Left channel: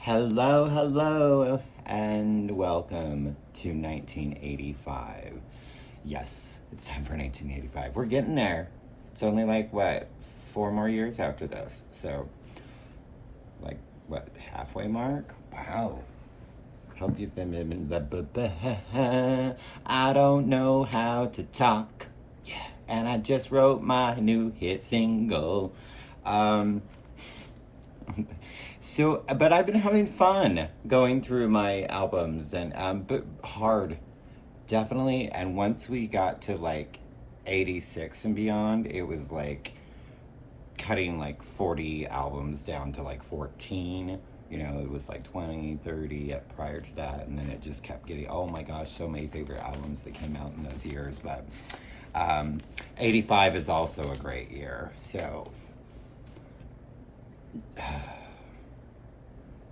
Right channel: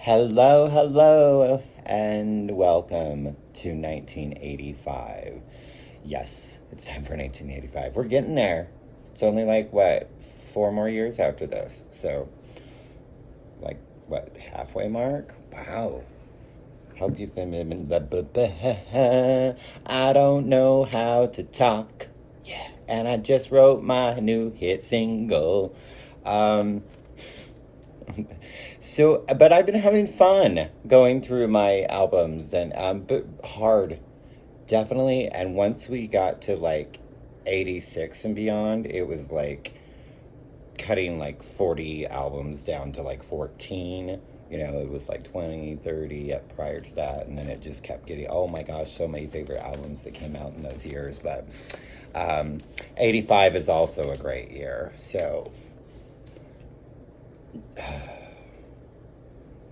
Hello, hello, and welcome to 1985. Yes, it's time for 1985. We're getting there. It's only like, what, 4 more years after this. So, like, what, halfway mark? Wow. Hope you've been. I don't know how to talk. Yeah, and I just wrote my new hit single. Um, but I've been having fun going through my albums and but hard, definitely. And once we got to like 86 and beyond, it was like cutting like 40 albums down to like 14. You know, it was like 20, 30 prior to that. And then it just kept getting, oh my gosh, so many favorite albums that came out in those years. But 85 is also a great year. So,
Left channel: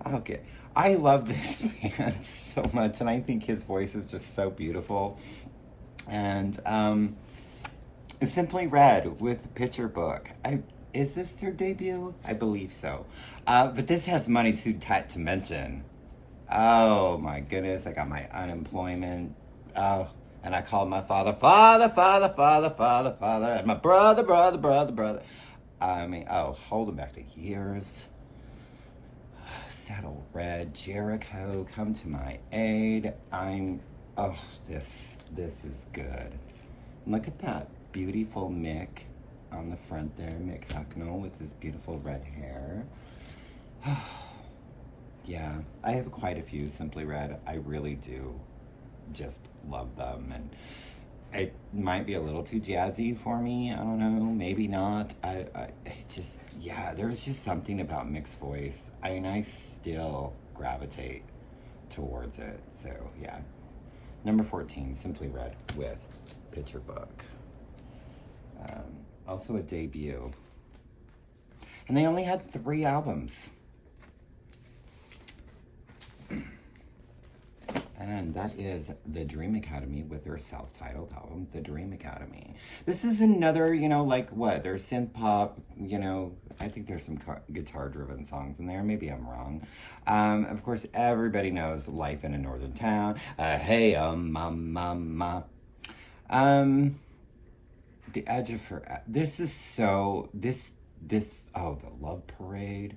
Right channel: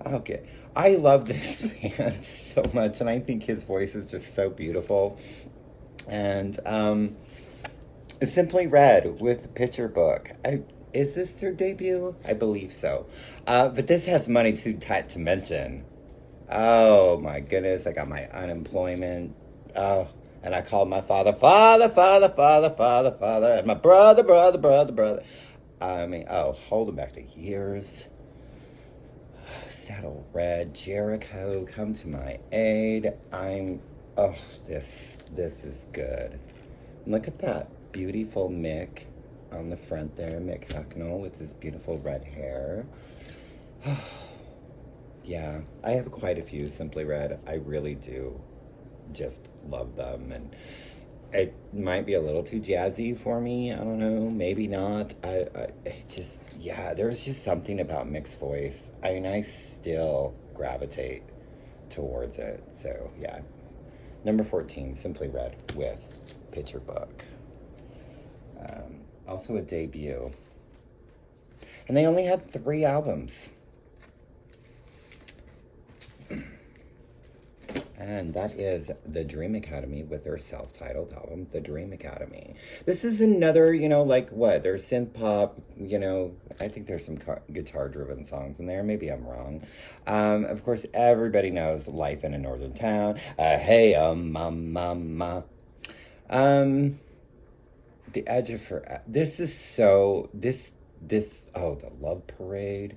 okay. I love this band so much, and I think his voice is just so beautiful. And Simply Red with Picture Book. Is this their debut? I believe so. But this has Money Too Tight to Mention. Oh my goodness, I got my unemployment. Oh, and I called my father, father, and my brother. I mean, oh, hold it back to years. Saddle Red, Jericho, come to my aid. Oh, this is good. Look at that beautiful Mick on the front there, Mick Hucknall with his beautiful red hair. Yeah, I have quite a few Simply Red. I really do just love them, and it might be a little too jazzy for me. I don't know, maybe not. Yeah, there's just something about Mick's voice. I mean, I still gravitate towards it. So yeah, number 14, Simply Red with Picture Book. Also a debut, and they only had 3 albums. And that is the Dream Academy with their self-titled album, The Dream Academy. This is another, like what? There's synth pop, I think there's some guitar-driven songs in there. Maybe I'm wrong. Of course, everybody knows Life in a Northern Town. Hey, mama. The Edge of Forever. This is so, the Love Parade.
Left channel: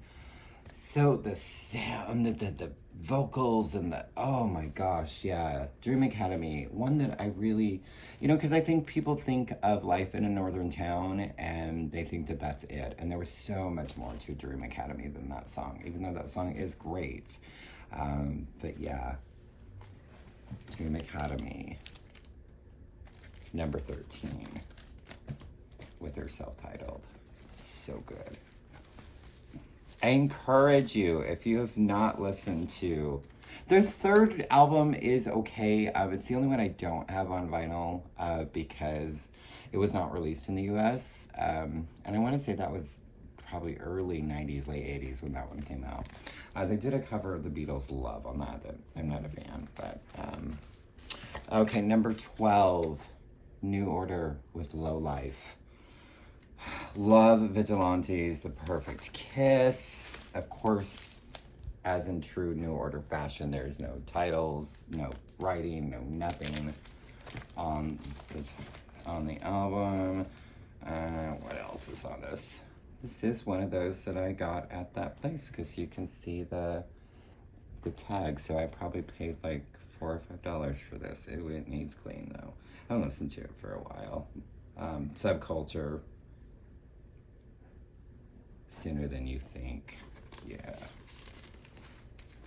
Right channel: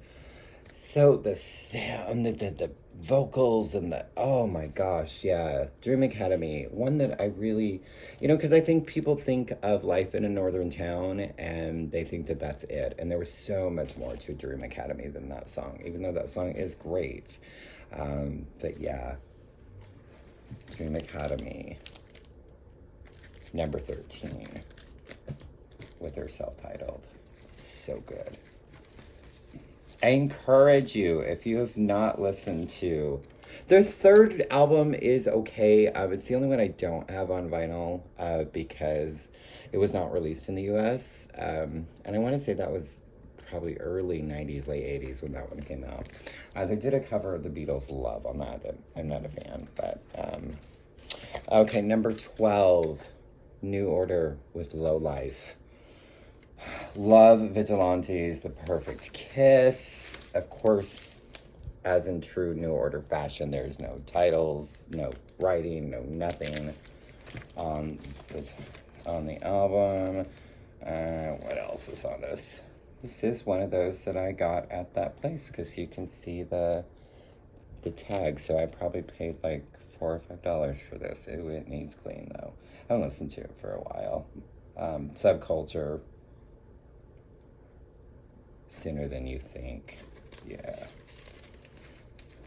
So the sound, the vocals, and oh my gosh, yeah. Dream Academy, one that I really, because I think people think of Life in a Northern Town and they think that that's it. And there was so much more to Dream Academy than that song, even though that song is great. But yeah, Dream Academy, number 13, with their self-titled. So good. I encourage you, if you have not listened to their third album, is okay. It's the only one I don't have on vinyl because it was not released in the U.S. And I want to say that was probably early 90s, late 80s when that one came out. They did a cover of the Beatles' Love on that I'm not a fan. But okay, number 12, New Order with Low Life. Love Vigilantes, The Perfect Kiss. Of course, as in true New Order fashion, there's no titles, no writing, no nothing on the album. What else is on this? This is one of those that I got at that place because you can see the tag. So I probably paid like $4 or $5 for this. It needs clean though. I haven't listened to it for a while. Subculture. Sooner Than You Think. Yeah.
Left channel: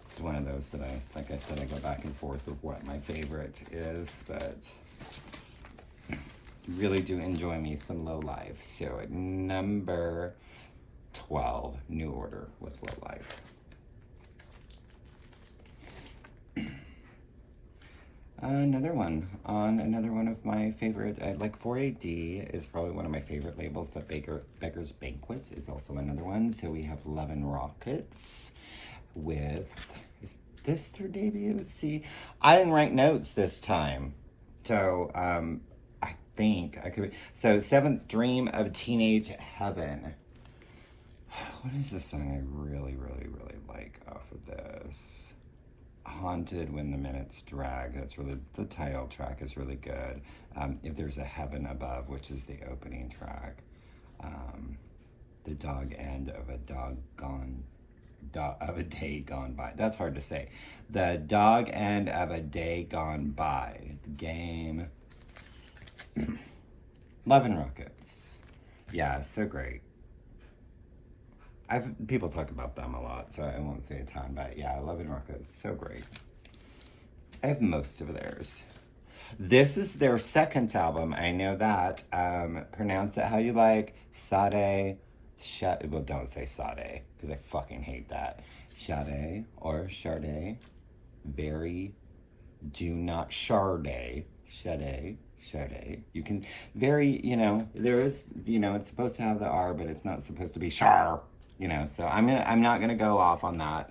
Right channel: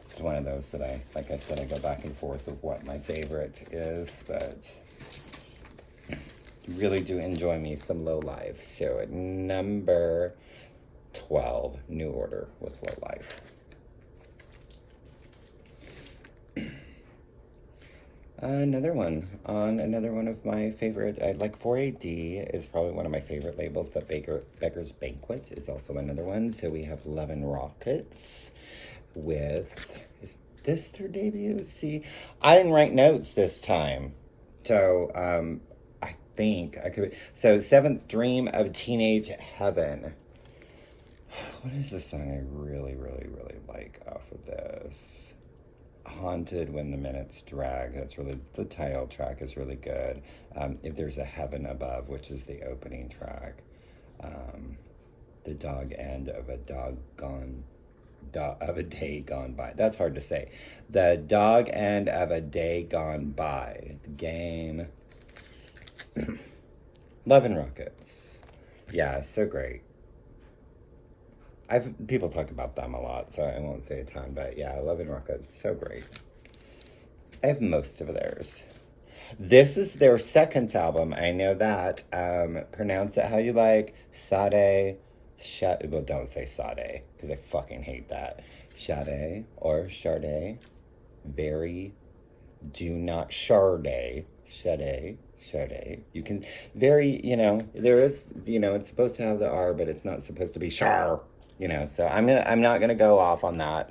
It's one of those that like I said, I go back and forth of what my favorite is, but really do enjoy me some Low Life. So at number 12, New Order with Low Life. Another one of my favorite, like 4AD is probably one of my favorite labels, but Beggar's Banquet is also another one. So we have Love and Rockets with, is this their debut? See, I didn't write notes this time. So, I think I could, so Seventh Dream of Teenage Heaven. What is the song I really, really, really like off of this? Haunted When the Minutes Drag. That's really, the title track is really good. If There's a Heaven Above, which is the opening track. The Dog End of a Day Gone By. That's hard to say. The Dog End of a Day Gone By. The Game. Love and Rockets. Yeah, so great. People talk about them a lot, so I won't say a ton, but yeah, Love and Rockets, so great. I have most of theirs. This is their second album. I know that. Pronounce it how you like. Sade. Well, don't say Sade, because I fucking hate that. Sade or Sade. Very. Do not Sade. Sade. You can very, there is, it's supposed to have the R, but it's not supposed to be Char. So I'm not gonna go off on that.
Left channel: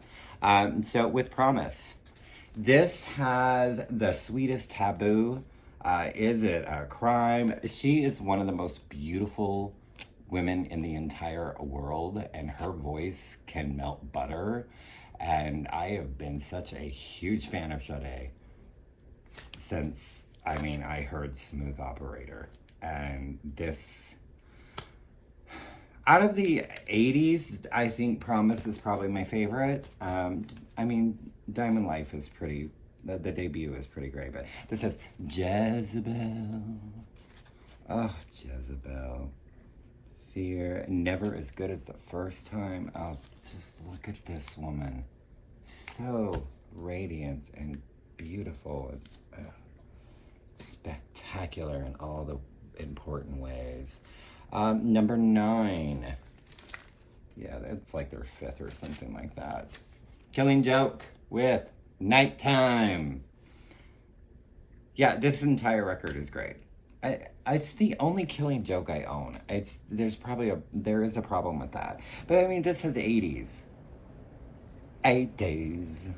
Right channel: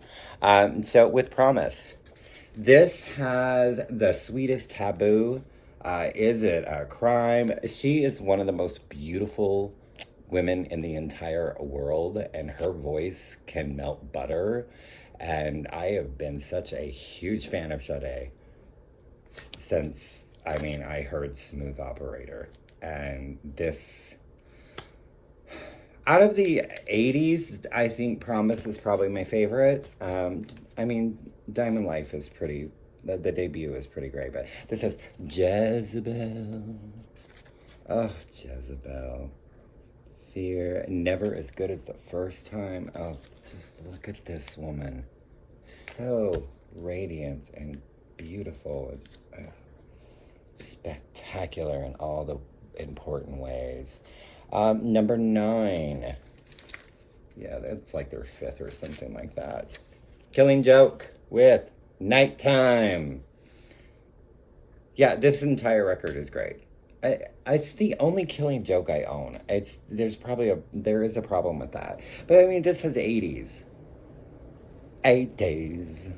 So with Promise, this has The Sweetest Taboo. Is it a crime? She is one of the most beautiful women in the entire world, and her voice can melt butter. And I have been such a huge fan of Sade since, I heard Smooth Operator. And this, out of the 80s, I think Promise is probably my favorite. Diamond Life is pretty, the debut is pretty great, but this has Jezebel. Oh, Jezebel. Fear, Never As Good As the First Time. Oh, just look at this woman. So radiant and beautiful and spectacular in all the important ways. Number 9. Yeah, that's like their 5th or something like that. Killing Joke with Nighttime. Yeah, this entire record is great. It's the only Killing Joke I own. There is a problem with that. But this has 80s. 8 days.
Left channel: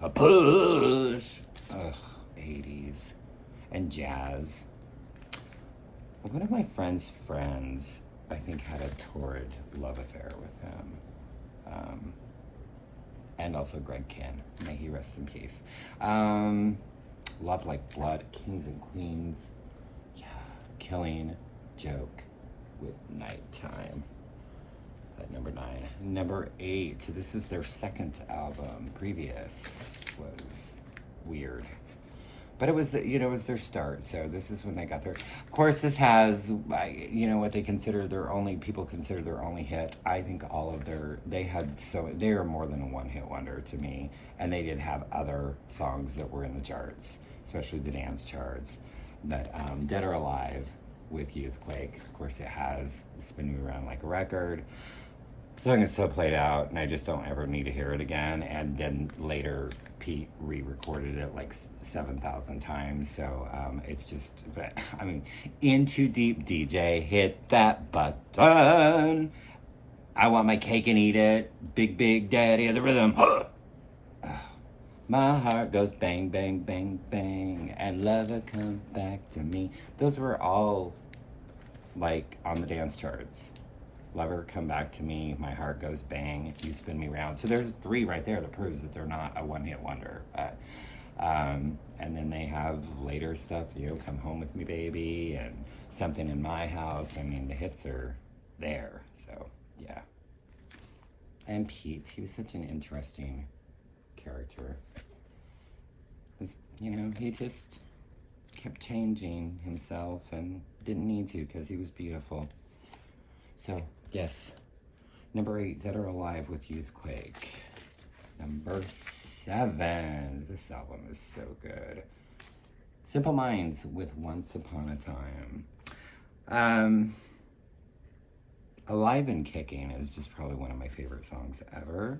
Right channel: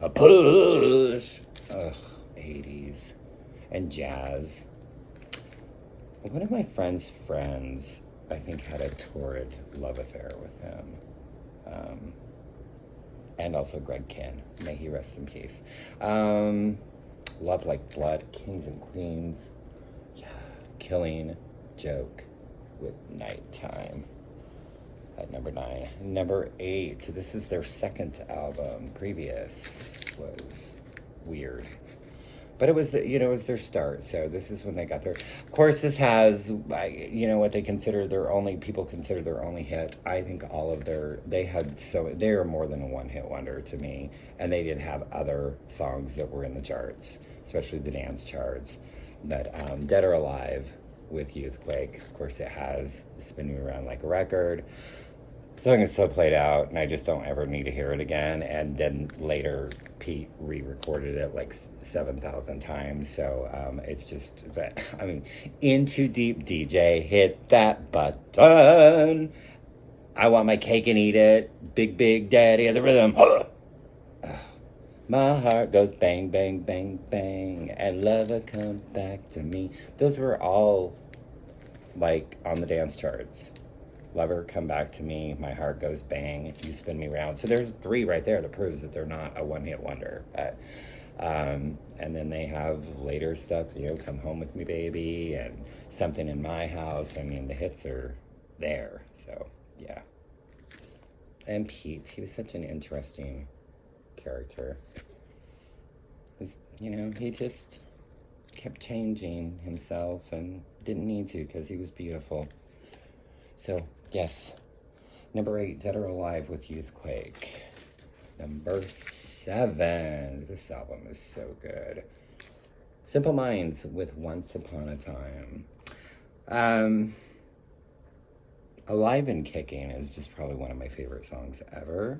A push. Ugh, 80s. And jazz. One of my friend's friends, I think, had a torrid love affair with him. And also Greg Kihn. May he rest in peace. Love Like Blood, Kings and Queens. Yeah, Killing Joke with Nighttime. At number 9. Number 8, this is their second album. Previous was weird. But it was it was their start, so this is when they got their. Of course, this has, what they consider people consider their only hit. I think all of they are more than a one-hit wonder to me, and they did have other songs that were in the charts, especially the dance charts. But Dead or Alive with Youthquake, of course, it has Spin Me Around Like a Record. The song is so played out, and I just don't ever need to hear it again. And then later, Pete re-recorded it like 7,000 times. So it's just, In Too Deep DJ, hit that button. I Want My Cake and Eat It. Big, Big Daddy of the Rhythm. My heart goes bang, bang, bang, bang. And lover come back to me. Those were all on the dance charts. Lover, Come Back to Me, My Heart Goes Bang, You Spin Me Round. So there's 3 right there that proves that they're not a one-hit wonder. And then they have later stuff, Come Home With Me Baby and Something in My House. The hits are there. So, yeah. And Pete, he was such an interesting character. He just kept changing himself and didn't need to because he was beautiful. So, yes. Number 8, Dead or Alive with Youthquake. Number 7. This album is so good. Simple Minds with Once Upon a Time. Alive and Kicking is just probably one of my favorite songs ever.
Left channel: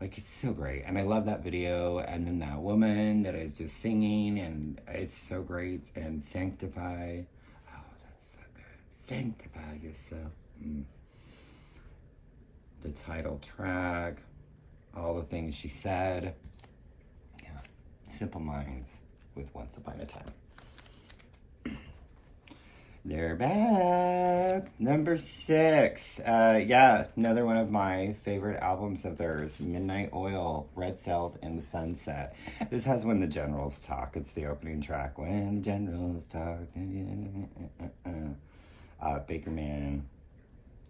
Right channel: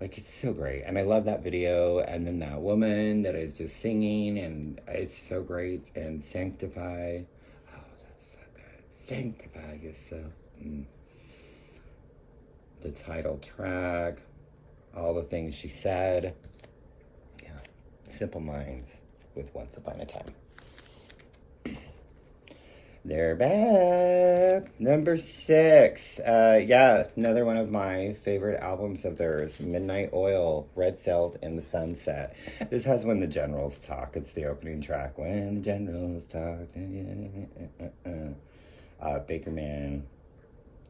It's so great. And I love that video. And then that woman that is just singing. And it's so great. And Sanctify. Oh, that's so good. Sanctify Yourself. The title track, all the things she said. Yeah, Simple Minds with Once Upon a Time. They're back. Number 6. Yeah, another one of my favorite albums of theirs, Midnight Oil, Red Sails in the Sunset. This has When the Generals Talk. It's the opening track. When the Generals Talk. Baker Man,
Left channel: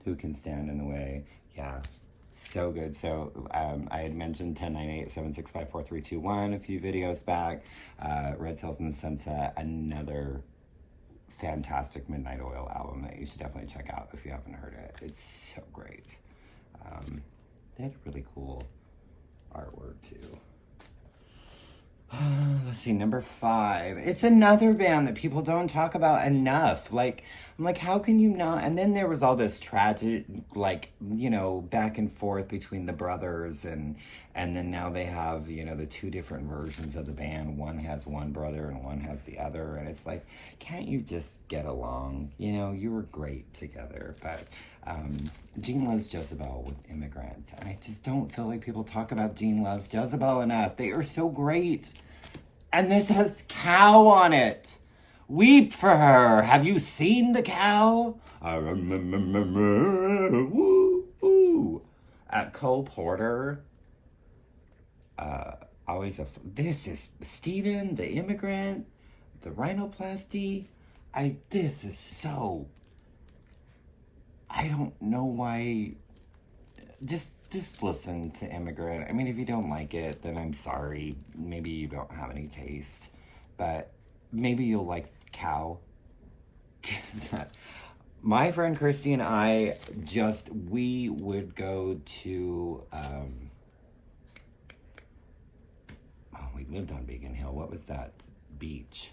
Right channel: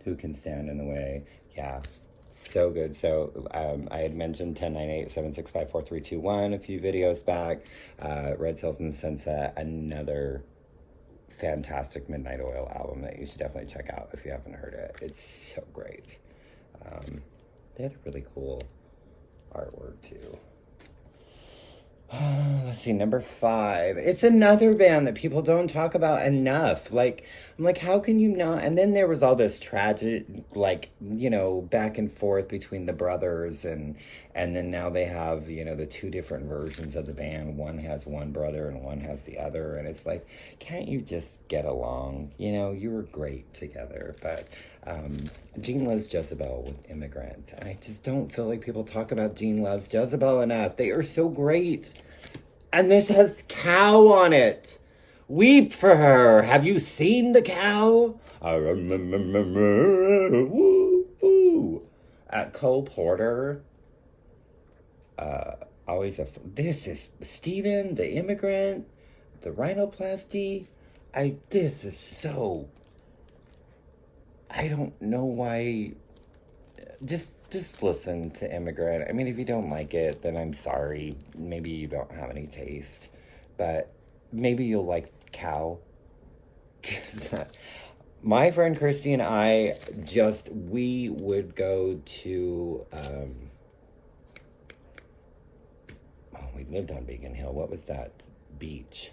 Who Can Stand in the Way. Yeah, so good. So I had mentioned 1098-765-4321 a few videos back. Red Sails in the Sunset, another fantastic Midnight Oil album that you should definitely check out if you haven't heard it. It's so great. They had really cool artwork too. Let's see, number 5. It's another band that people don't talk about enough. Like, I'm like, how can you not? And then there was all this tragic, like, back and forth between the brothers, and then now they have, the two different versions of the band. One has one brother and one has the other, and it's like, can't you just get along? You were great together, but Gene Loves Jezebel with Immigrants, and I just don't feel like people talk about Gene Loves Jezebel enough. They are so great. And this has cow on it. Weep for her. Have you seen the cow? I remember. Woo, woo. Cole Porter. This is Steven, the Immigrant, the rhinoplasty. This is so. I don't know why. Just listen to Immigrant. I mean, if you don't like it, then I'm sorry. Maybe you don't have any taste. But maybe you'll like Cow. My friend Christy and I we would go to, we lived on Beacon Hill. What was that beach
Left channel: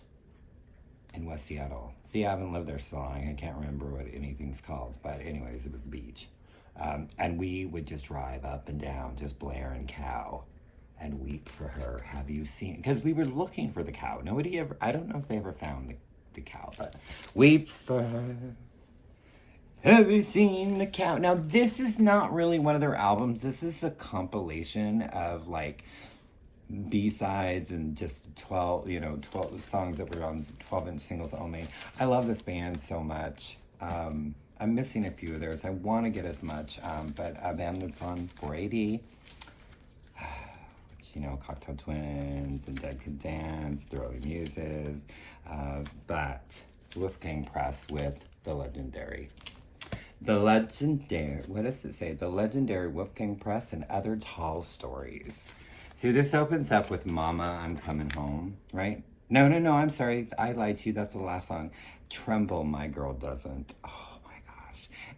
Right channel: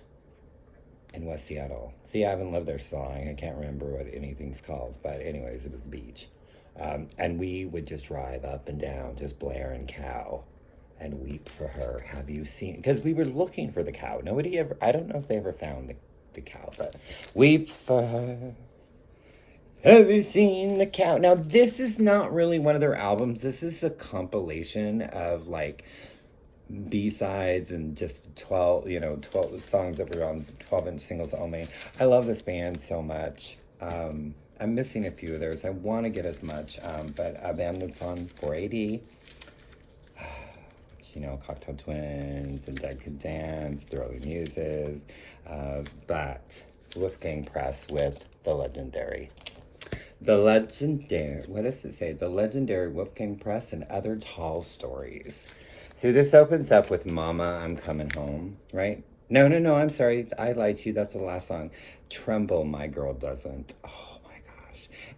in West Seattle? See, I haven't lived there so long. I can't remember what anything's called. But anyways, it was the beach. And we would just drive up and down, just blaring Cow and Weep for Her. Have you seen? Because we were looking for the cow. I don't know if they ever found the cow, but Weep for Her. Have you seen the cow? Now, this is not really one of their albums. This is a compilation of like B-sides and just 12 songs that were on 12-inch singles only. I love this band so much. I'm missing a few of theirs. I want to get as much, but a band that's on 480, which, Cocktail Twins and Dead Can Dance, Throwing Muses, but Wolfgang Press with the legendary, what does it say? The legendary Wolfgang Press and Other Tall Stories. So this opens up with Mama, I'm Coming Home, right? No, I'm sorry. I lied to you. That's the last song. Tremble, My Girl Doesn't. Oh.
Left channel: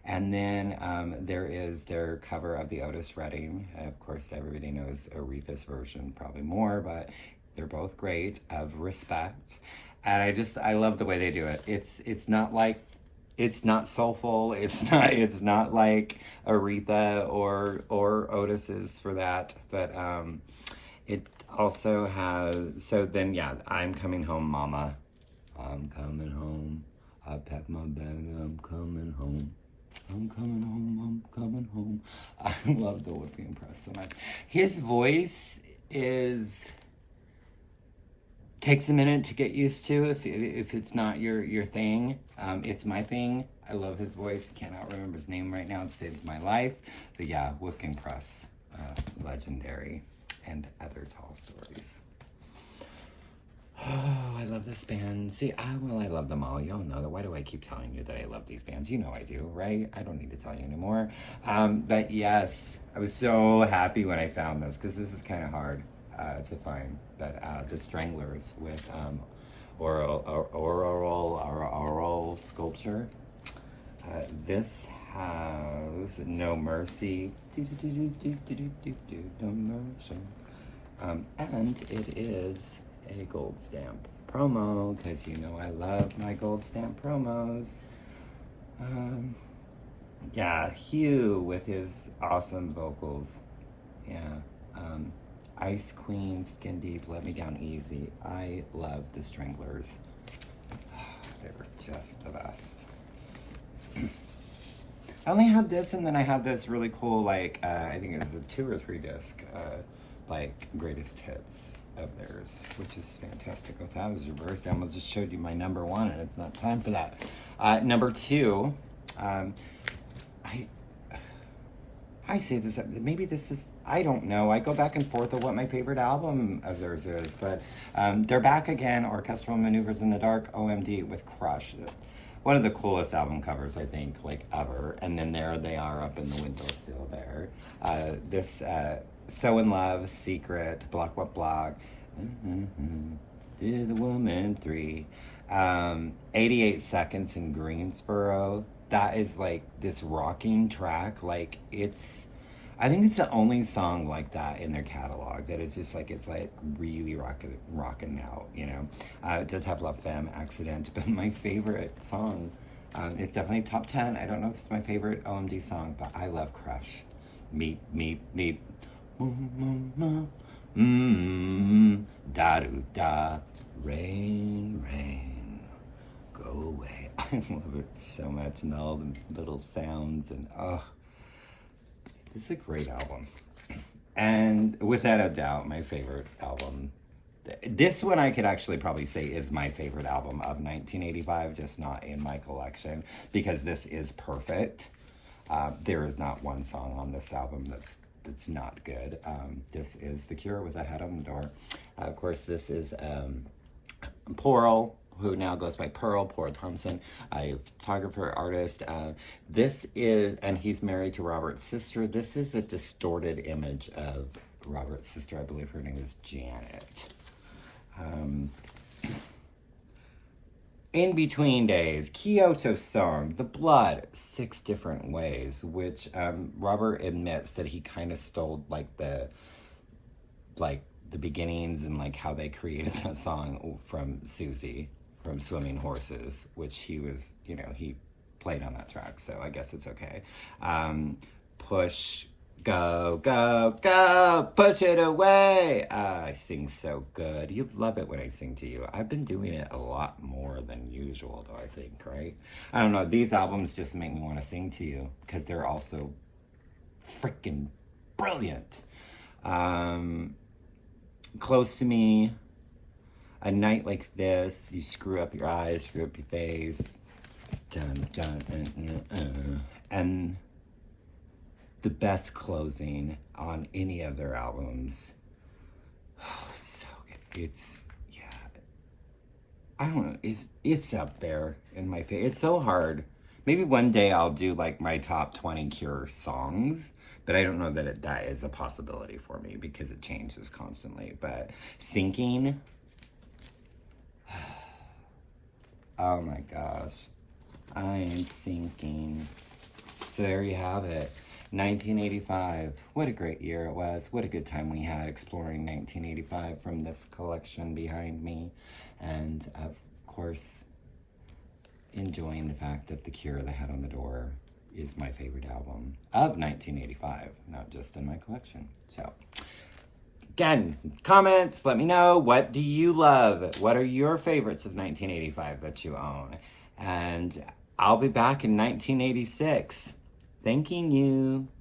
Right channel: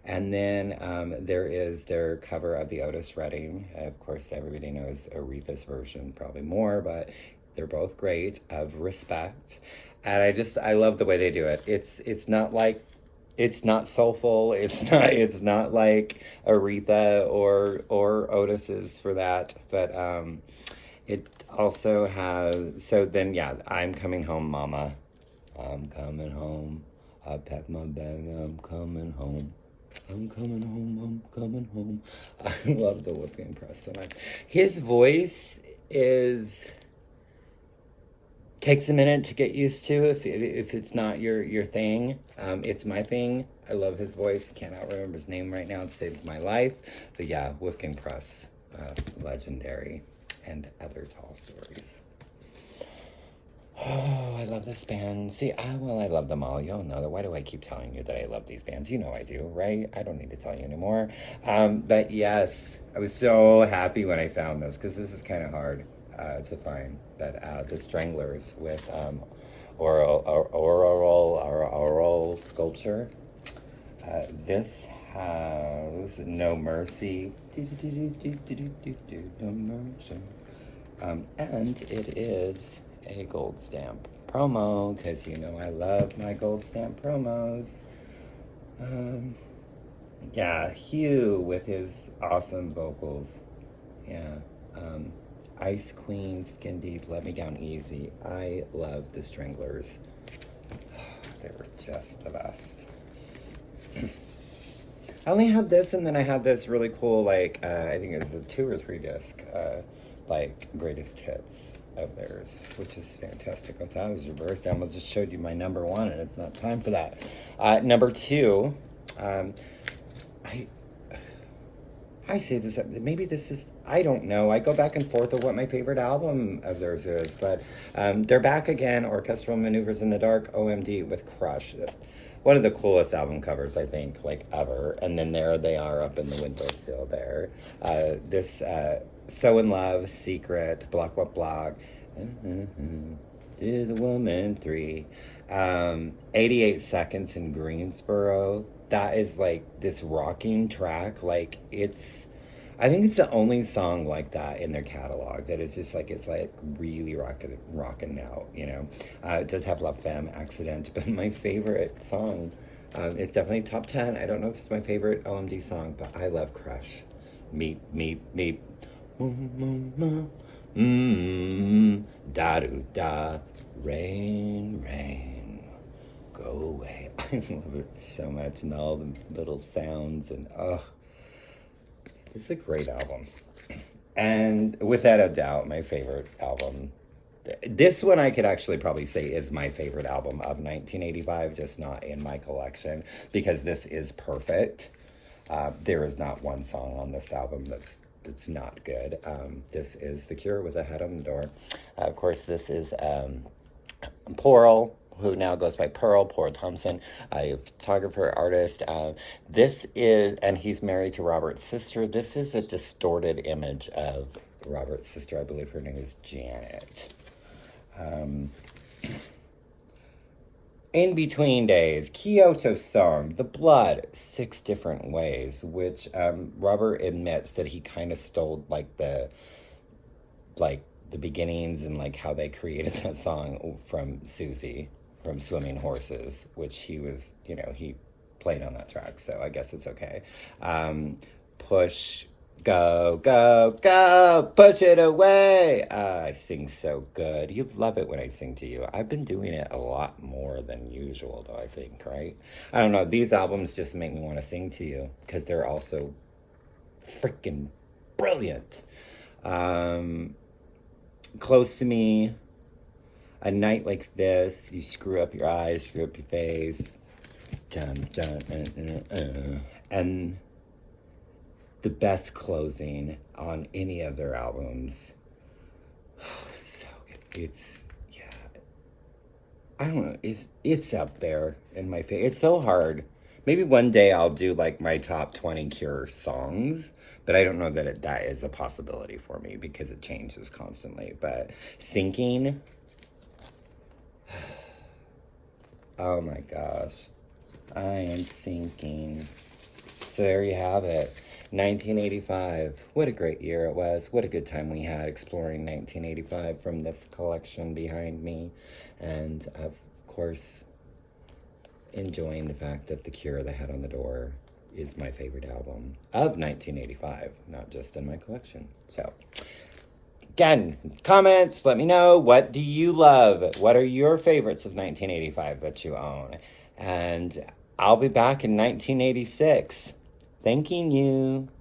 And then there is their cover of the Otis Redding. Of course, everybody knows Aretha's version, probably more, but they're both great, of Respect. And I love the way they do it. It's not like, it's not soulful. It's not like Aretha or Otis's for that. But it also has, so then, yeah, I'm Coming Home, Mama. I'm coming home. I pack my bag, I'm coming home. I'm coming home, I'm coming home. I love the Wolfgang Press so much. His voice takes a minute to get used to if it's not your thing. It's my thing. I love his voice. I cannot remember his name right now. It saved my life. But yeah, Wolfgang Press, legendary, and Other Tall Stories. Oh, I love this band. See, I love them all. You all know that. Why do I keep telling you that I love these bands? You know I do, right? I don't need to tell you anymore. But yes, I was so happy when I found this, because this is kind of hard to find. But the Stranglers with oral sculpture. This has No Mercy. No Mercy. And it is a gold stamp promo, because I love my gold stamp promos. Yeah, Hugh with his awesome vocals. Yeah. Ice Queen, Skin Deep, Let Me Down Easy. I love the Stranglers. They were just the best. I only have this, and then I have this really cool, I think it's a 2 or 3 disc like greatest hits of theirs, which is fantastic. Oh, that was reversed. I almost just showed you my number one, and it's not time for that. Number two, I I say this, maybe this is, I don't know. I go back and forth of what my favorite album of theirs is, but they're back again, Orchestral Maneuvers in the Dark, OMD, with Crush. One of the coolest album covers, I think, like, ever. And then there they are up in the windowsill there. So in Love, Secret, Block, Block, Block, To the Woman 3, 88 Seconds in Greensboro. That is like this rocking track. Like, I think it's the only song like that in their catalog that is just like, it's like really rocking out, you know. It does have La Femme, Accident, but my favorite song, it's definitely top 10. I don't know if it's my favorite OMD song, but I love Crush. Meep, meep, meep. Da-do-da. Rain, rain, go away. I love it so much, and all the little sounds, and this is a great album. And without a doubt, my favorite album. This one I could actually probably say is my favorite album of 1985, just not in my collection, because this is perfect. There is not one song on this album that's not good. This is The Cure with A Hat on the Door. Of course, this is Pearl, who now goes by Pearl Thompson, a photographer, artist. This is, and he's married to Robert's sister. This is a distorted image of Robert's sister. I believe her name is Janet. In Between Days, Kyoto Song, The Blood, 6 Different Ways, which Robert admits that he kind of stole like the beginnings and like how they created that song from Susie from Swimming Horses, which he was, you know, he played on that track, so I guess it's okay. Push, go, go, go, push it away. I sing so good. You love it when I sing to you. I've been doing it a lot more than usual, though, I think, right? I don't know. These albums just make me want to sing to you because they're also freaking brilliant. Close to Me, A Night Like This, You Screw Up Your Eyes, Screw Up Your Face, dun, dun, and the best closing on any of their albums. Oh, so good. I don't know, it's up there in my face. It's so hard. Maybe one day I'll do like my top 20 Cure songs, but I don't know that that is a possibility for me because it changes constantly. But Sinking, oh my gosh, I am sinking. So there you have it. 1985. What a great year it was. What a good time we had exploring 1985 from this collection behind me. And of course, enjoying the fact that The Cure, The Hat on the Door, is my favorite album of 1985, not just in my collection. So, again, comments, let me know. What do you love? What are your favorites of 1985 that you own? And I'll be back in 1986. Thanking you.